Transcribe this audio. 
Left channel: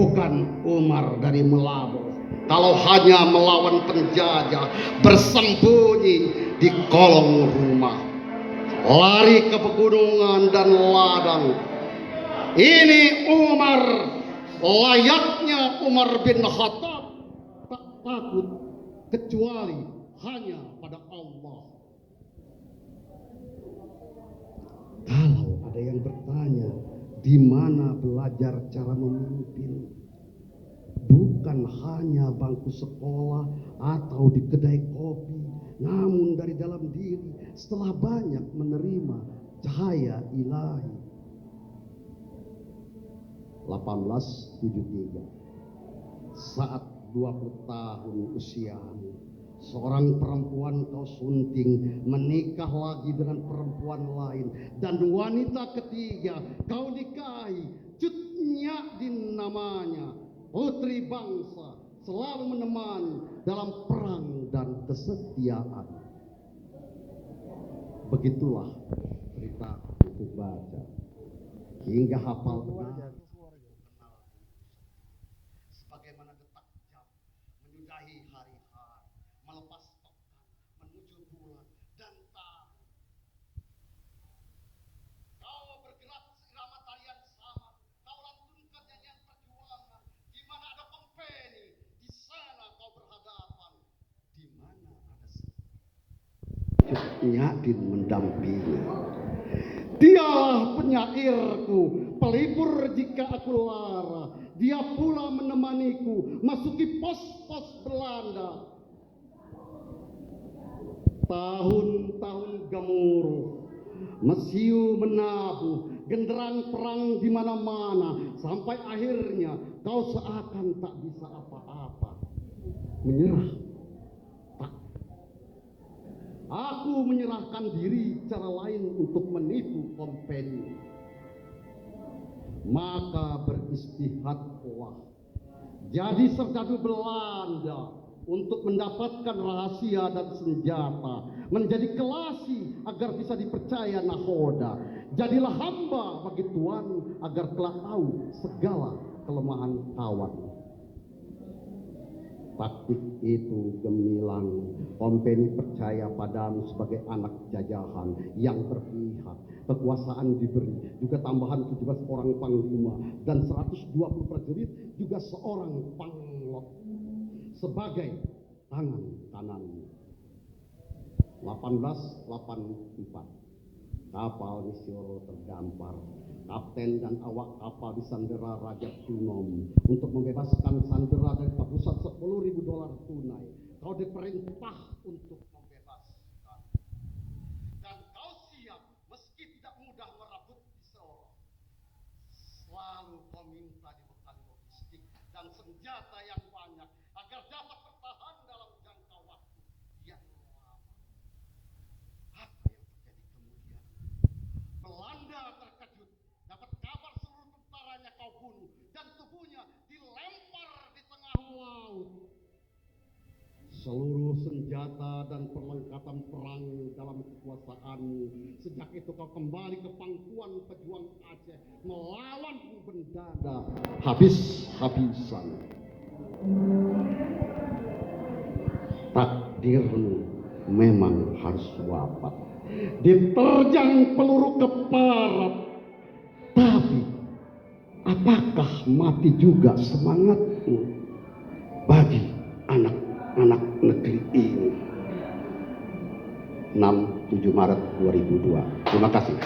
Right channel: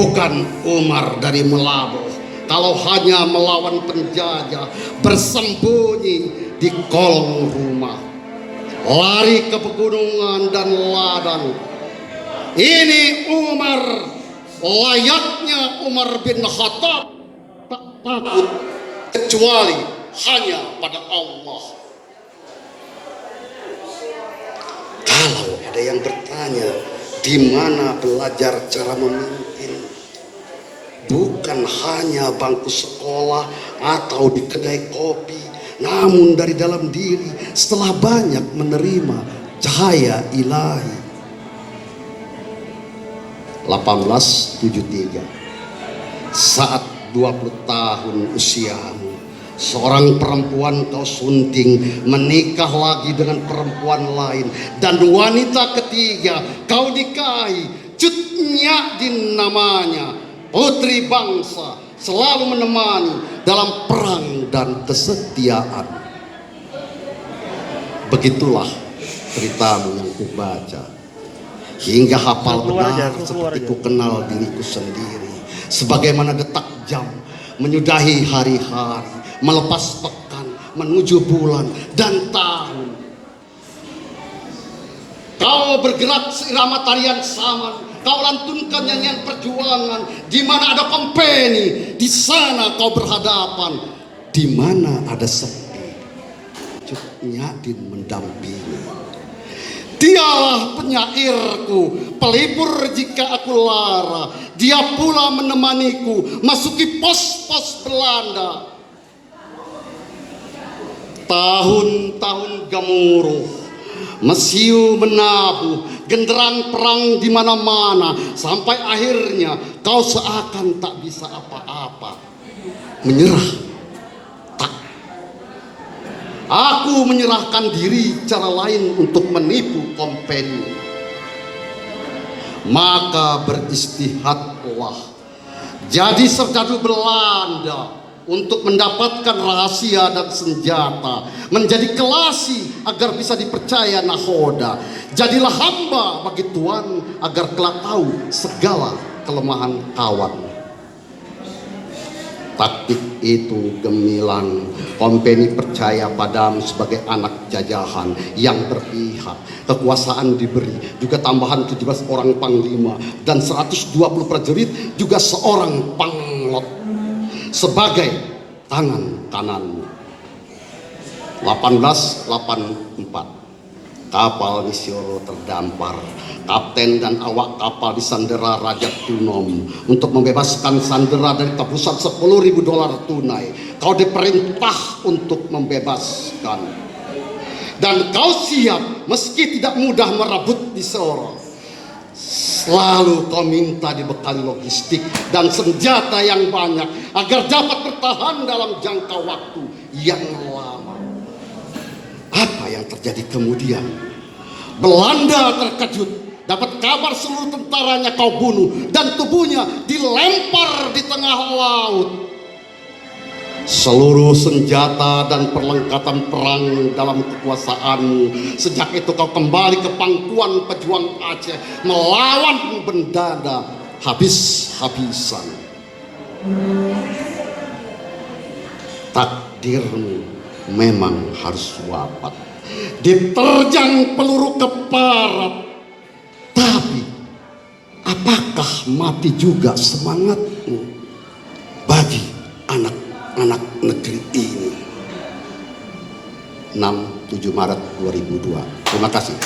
Bukan Umar dari Melabuh, kalau hanya melawan penjajah, bersembunyi di kolong rumah, lari ke pegunungan dan ladang. Ini Umar, layaknya Umar bin Khattab, tak takut kecuali hanya pada Allah. Kalau ada yang bertanya, di mana belajar cara memimpin? Bukan hanya bangku sekolah atau di kedai kopi, namun dari dalam diri setelah banyak menerima cahaya ilahi. 1873, saat 20 tahun usiamu, seorang perempuan kau sunting menikah lagi dengan perempuan lain, dan wanita ketiga kau nikahi, Cut Nyak namanya, putri bangsa, selalu menemani dalam perang dan kesetiaan. Begitulah ceritamu yang kubaca, hingga hafal benar seperti ku kenal diriku sendiri. Sebagaimana detak jam menyudahi hari-hari, melepas pekan, menuju bulan dan tahun. Kau bergerak seirama tarian saman, kau lantunkan nyanyian perjuangan. Di mana ada kompeni, di sana kau berhadapan. Di mana ada sepi, Cut Nyak mendampingi. Dialah penyairku, pelipur jika aku lara. Dia pula menemaniku masuki pos-pos Belanda. Tahun-tahun gemuruh, mesiu menabuh, genderang perang di mana-mana, sampai akhirnya kau seakan tak bisa apa-apa. Menyerah, tak. Aku menyerahkan diri cara lain untuk menipu kompeni. Maka beristihadlah, jadi serdadu Belanda untuk mendapatkan rahasia dan senjata, menjadi kelasi agar bisa dipercaya nahoda. Jadilah hamba bagi Tuan agar kelak tahu segala kelemahan kawan. Taktik itu gemilang. Kompeni percaya padamu sebagai anak jajahan yang berpihak. Kekuasaan diberi, juga tambahan 17 orang panglima dan 120 prajurit, juga seorang panglot sebagai tangan kananmu. 1884, kapal Misioro terdampar. Kapten dan awak kapal disandera Raja Tunom untuk membebaskan sandera dari tebusan $10.000 tunai. Kau diperintah untuk membebaskan, dan kau siap meski tidak mudah merebut di Soro. Selalu kau minta dibekali logistik dan senjata yang banyak agar dapat bertahan dalam jangka waktu yang lama. Apa yang terjadi kemudian? Belanda terkejut, dapat kabar seluruh tentaranya kau bunuh dan tubuhnya dilempar di tengah laut. Seluruh senjata dan perlengkapan perang dalam kekuasaanmu. Sejak itu kau kembali ke pangkuan pejuang Aceh, melawan Bendada habis-habisan. Takdirmu memang harus wafat, diterjang peluru keparat. Tapi apakah mati juga semangatmu bagi anak-anak negeri ini? 6-7 Maret 2002. Terima kasih.